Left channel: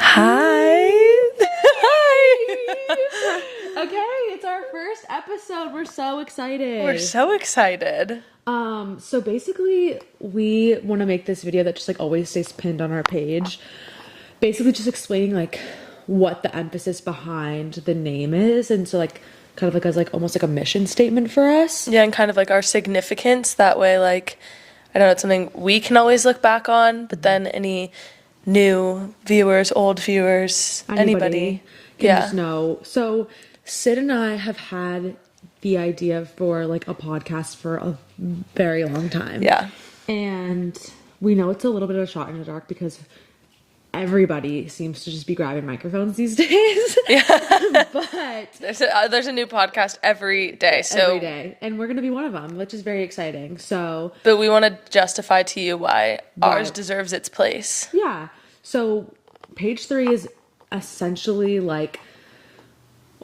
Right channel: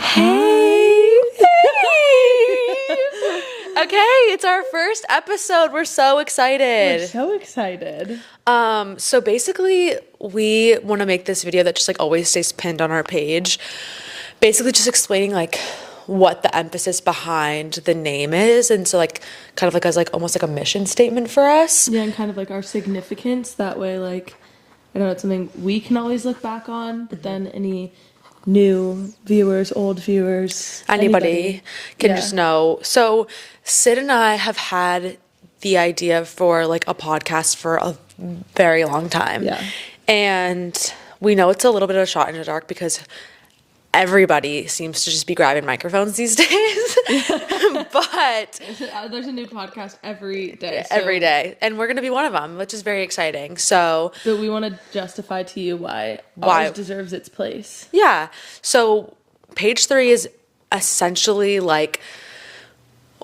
Hi. Okay, it's our first episode. We're so excited. We're so excited. So basically, we want to make this video that just like always stays pinned on our page. Basically, just explaining like what the emphasis behind the name is, and so like kind of like as like almost like a mission statement for us. Yeah, and kind of like our significance. That way, like, I don't know, it's something we can always look back on, but then any new viewers, old viewers, Anybody can Yeah. just know. So Syd and I have had the idea for like a podcast for a very long time. Yeah. And we know it's a little bit of a shot in the dark because everybody seems to just be grabbing microphones these days. Yeah. But There's a new podcast every day. So, every day. And we're going to be one of them, which is very exciting. So But we want to justify to you why ours deserves its place. yeah. So page 3 is essentially like,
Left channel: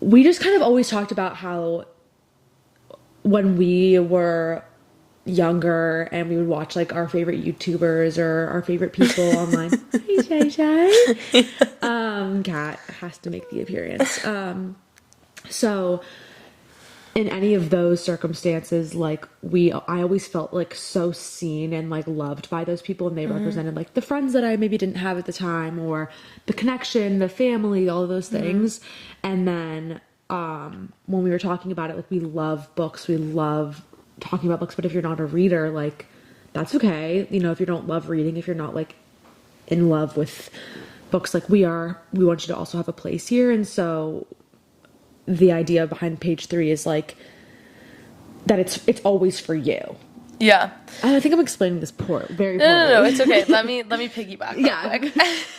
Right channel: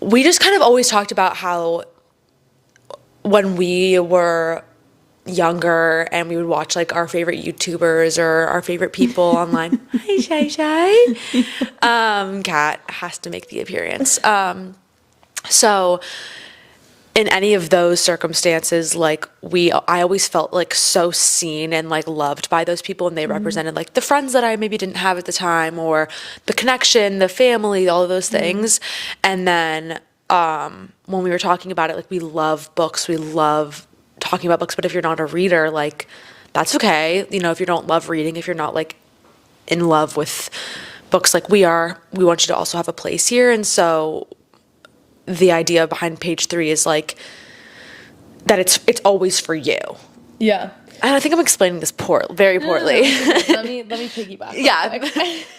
we just kind of always talked about how when we were younger and we would watch like our favorite YouTubers or our favorite people online. Hi, Shy Shy. Kat has to make the appearance. So in any of those circumstances, like I always felt like so seen and like loved by those people, and they represented like the friends that I maybe didn't have at the time, or the connection, the family, all of those things. And then when we were talking about it, like we love books, we love talking about books, but if you're not a reader, like that's okay. You know, if you don't love reading, if you're not like in love with books like we are, we want you to also have a place here. And so the idea behind page 3 is like that it's always for you. Yeah. And I think I'm explaining this very poorly. No, it's okay. let me piggyback. Yeah.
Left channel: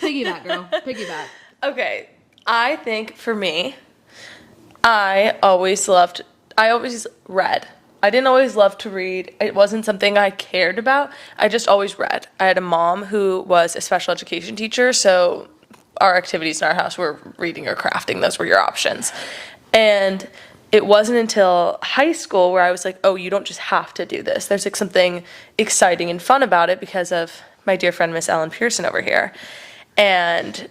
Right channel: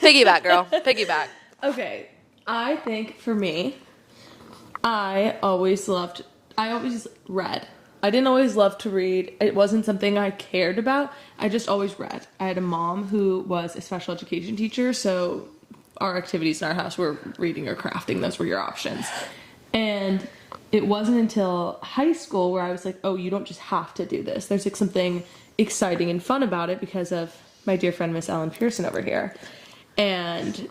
Piggyback, girl. Piggyback. Okay. I think for me, I always read. I didn't always love to read. It wasn't something I cared about. I just always read. I had a mom who was a special education teacher, so our activities in our house were reading or crafting. Those were your options. And it wasn't until high school where I was like, oh, you don't just have to do this. There's like something exciting and fun about it because of my dear friend, Miss Ellen Pearson over here. And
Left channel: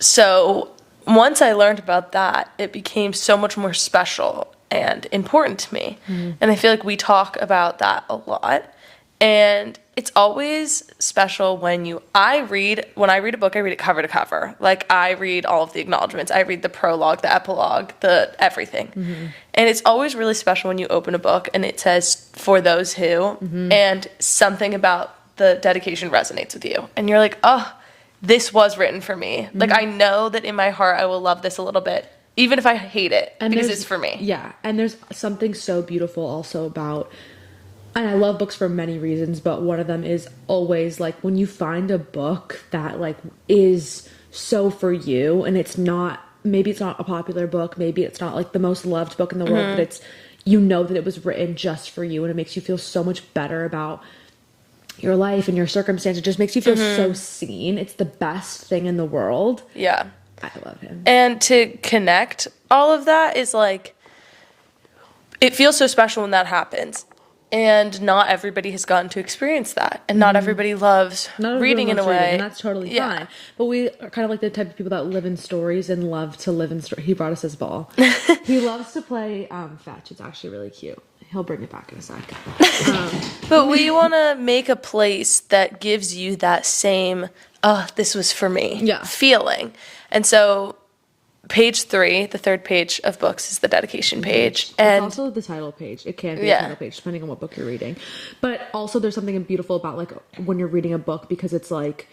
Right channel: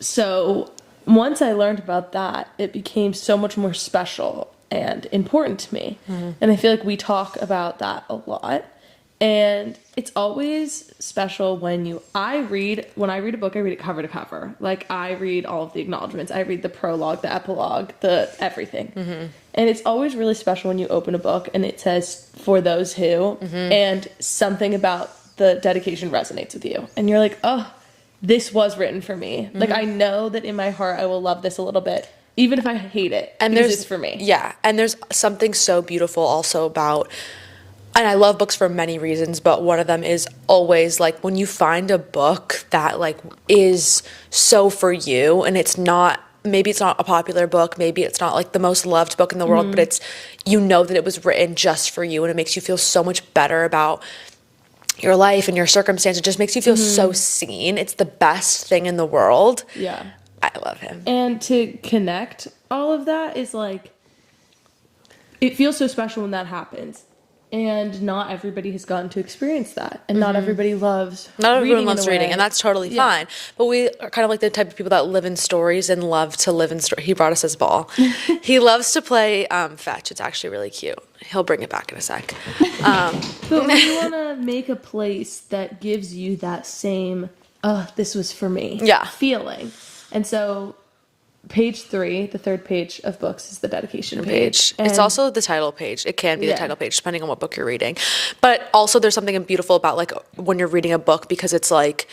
so once I learned about that, it became so much more special and important to me. And I feel like we talk about that a lot. And it's always special when I read a book, I read it cover to cover. Like I read all of the acknowledgments. I read the prologue, the epilogue, the everything. And it's always really special when you open a book and it says for those who, and something about the dedication resonates with you. And you're like, oh, this was written for me. Like I know that in my heart I will love this a little bit, even if I hate it, and because it's for me. Yeah, and there's something so beautiful also about, and I love books for many reasons, but one of them is always like when you find a book that like is so for you, and maybe it's not a popular book, maybe it's not like the most loved book in the world, but it's, you know that it was written just for you, and it makes you feel so much better about your life and your circumstance. It just makes you feel so seen. It's the best thing in the world. Yeah. I love him. And to connect all of that is like, it feels so special when that happens. And not everybody has gotten to experience that. And not everybody loves reading in a way. And that's totally fine. But we are kind of like the type of people that live in stories and love to live in stories. He brought us his ball. He loves to play fetch. It's actually really cute. He'll bring it back in a sec. But we want to make a place that gives you that same, oh, this was for me feeling. And so page 3, the third page of books, is the dedication page. And it's also the title page. It can be the title page depending on what book you're reading. But also there's something beautiful about like when you're reading a book, because it's like,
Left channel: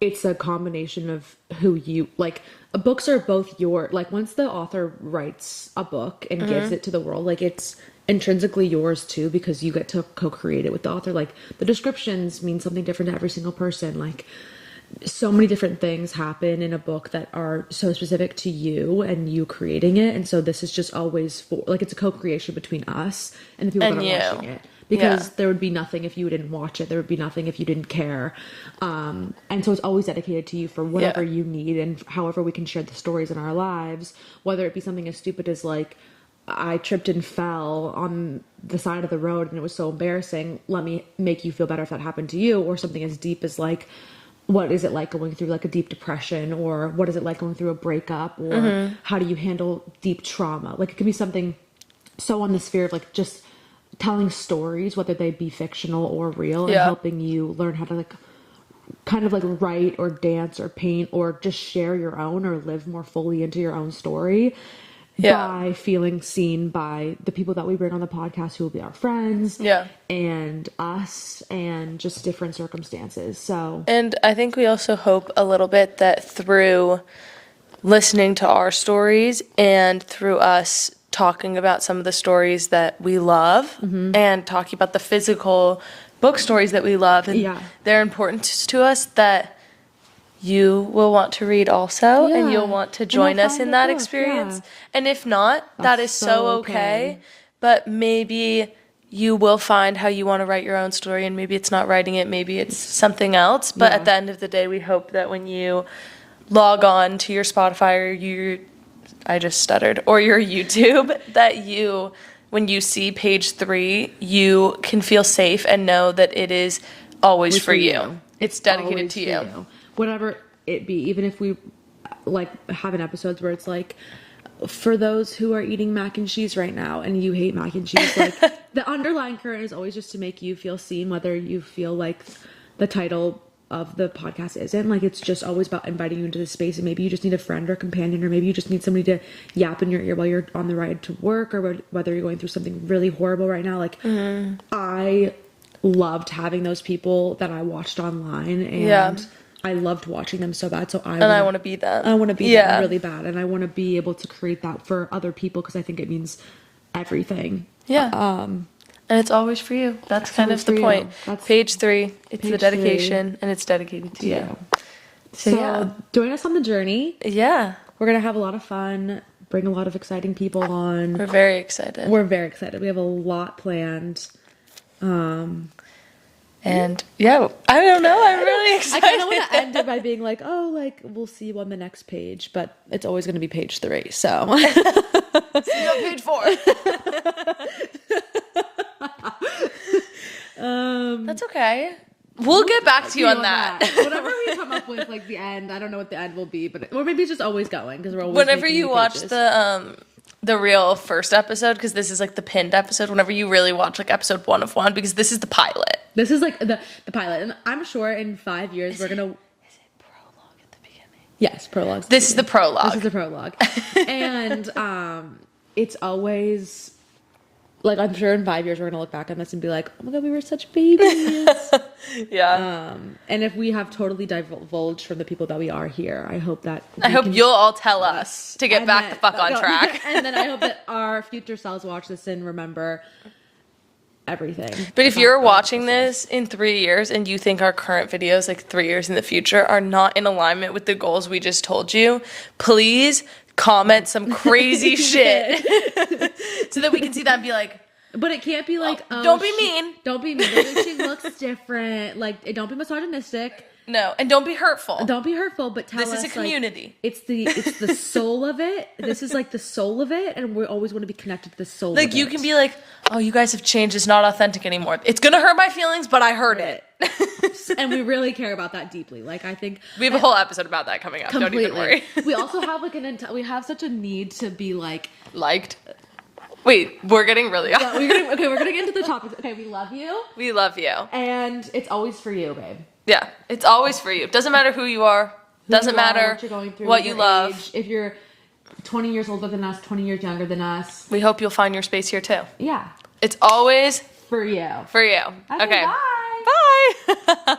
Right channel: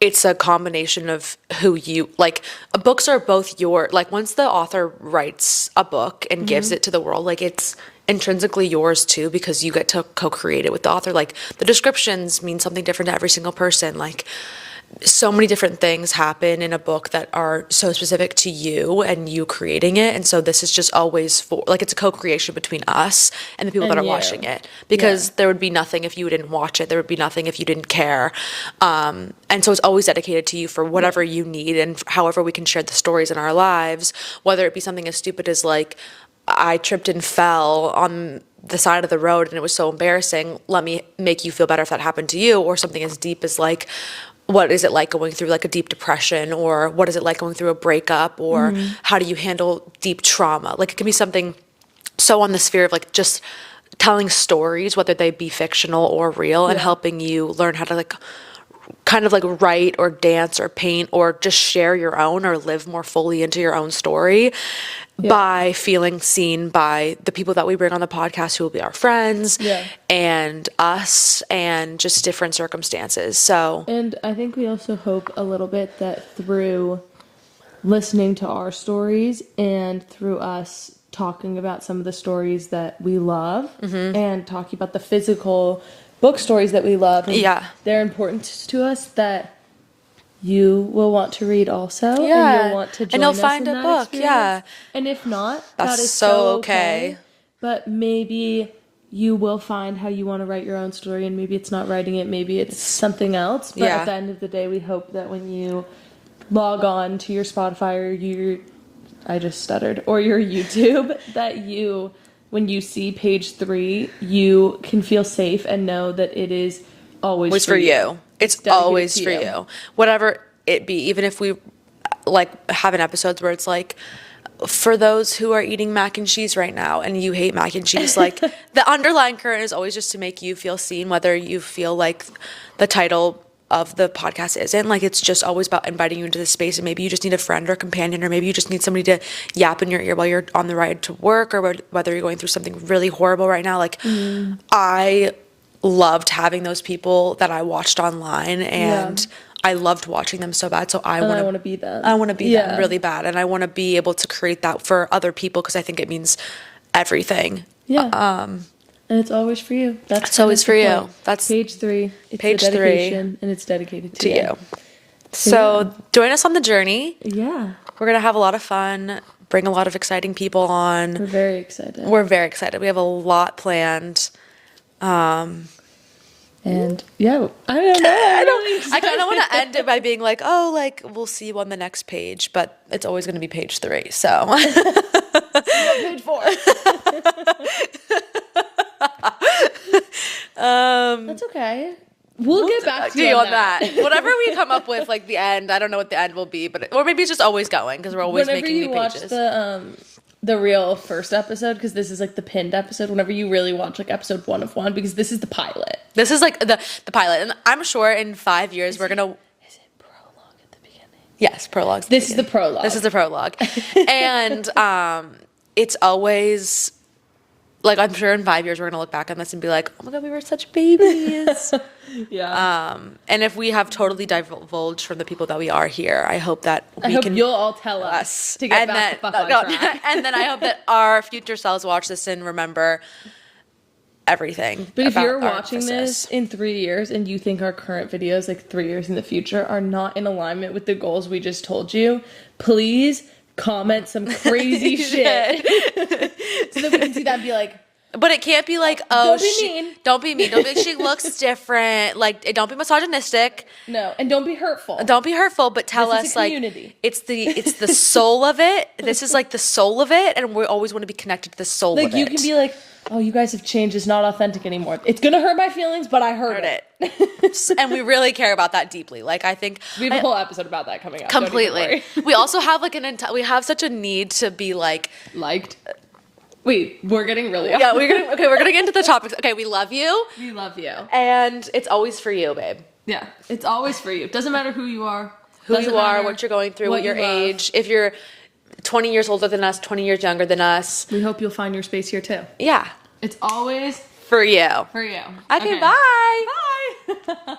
it's a combination of who you, like books are both like once the author writes a book and gives it to the world, like it's intrinsically yours too, because you get to co-create it with the author. Like the descriptions mean something different to every single person. Like so many different things happen in a book that are so specific to you and you creating it. And so this is just always for, like, it's a co-creation between us and the people that are watching it, because there would be nothing if you didn't watch it. There would be nothing if you didn't care. And so it's always dedicated to you for whatever you need and however we can share the stories in our lives, whether it be something as stupid as like, I tripped and fell on the side of the road and it was so embarrassing. Let me make you feel better if that happened to you. Or something as deep as like, what is it like going through like a deep depression, or what is it like going through a breakup, or how do you handle deep trauma? Like it can be something so on the sphere of like just telling stories, whether they be fictional or real, and helping you learn how to like kind of like write or dance or paint or just share your own or live more fully into your own story by feeling seen by the people that we bring on the podcast, who will be our friends and us, and just different circumstances. So, and I think we also hope a little bit that through listening to our stories and through us talking about some of the stories that we love and talking about the physical book stories that we love and their importance to us, that you will want to read also and you'll want to join us in that experience. And if not, that is so okay. But maybe you will find how you want to write your own story, and maybe it's not writing it, maybe it's something else. But at the end of the day, we hope that when you log on to your Spotify or your or your YouTube, that when you see page 3, you can feel safe and know that it is always for you. It's always for you. Whatever it be, even if we like have an episodes where it's like, for those who are eating mac and cheese right now and you hate mac and cheese, like the underlying current is always just to make you feel seen, whether you feel like the title of the podcast isn't. Like, it's just always about inviting you into the space, and maybe you just need a friend or companion, or maybe you just need somebody to yap in your ear while you're on the ride to work, or whether you're going through something really horrible right now. Like, I loved having those people that I watched online, and I loved watching them so bad. So I want to be them. I want to be them really bad, and I want to be able to create that for other people, because I think it means everything. And it's always for you. That's always for you. That's page 3. It's page a dedication, and it's dedicated to you. So join us on the journey. Yeah. We're going to have a lot of fun, bring a lot of exciting people on. We're very excited. We have a lot planned. And yeah, I don't know. I'm really excited. I kind of want to end it by being like, oh, like, we'll see you on the next page, but it's always going to be page 3. So page 4. That's okay. We'll get back to you on that. Whatever we come up with, like the end, I don't know what the end will be, but or maybe it's just always going, because we're always whenever making you new watch pages. the real first episode, because this is like the pinned episode. Whenever you really watch like episode 1 of 1, because this is the pilot. This is like the pilot, and I'm sure in 5 years we're gonna. Is it prologue at the beginning? Yes, prologue. This is the prologue. This is the prologue, and it's always. Like, I'm sure in 5 years we're gonna look back on this and be like, oh my god, we were such babies. And if we have totally divulged from the people that we are here, I hope that you'll all tell us to get back the fuck on track. And then I hope that our future selves watch this and remember everything. But if you're watching this in 3 years and you think our current videos, like 3 years in the future, are not in alignment with the goals we just told you, please comment some crazy shit so that we can see that and be like, but it can't be like, oh, don't be mean. Don't be mean. Don't be like, she looks different. Like, don't be misogynistic. No, and don't be hurtful. Don't be hurtful, but tell us, this is a community. Like, it's the soul of it. This is like the soul of it, and we always want to be connected to the soul of it. Like, you can be like, oh, you guys have changed. It's not authentic anymore. It's gonna hurt my feelings, but I heard it. And we really care about that deeply. Like, I think we have a whole episode about that coming up. Completely. We also have like we have such a need to be like liked. Wait, we're getting really we're gonna get into the topics. Okay, we love you. We love you. And it's always for you, babe. Yeah. It's always for you. Doesn't matter who you are. Doesn't matter what you're going through, what your age. If you're 20 years older than us, 20 years younger than us. We hope you'll find your space here too. Yeah. It's always for you. For you. Okay. Bye. Bye.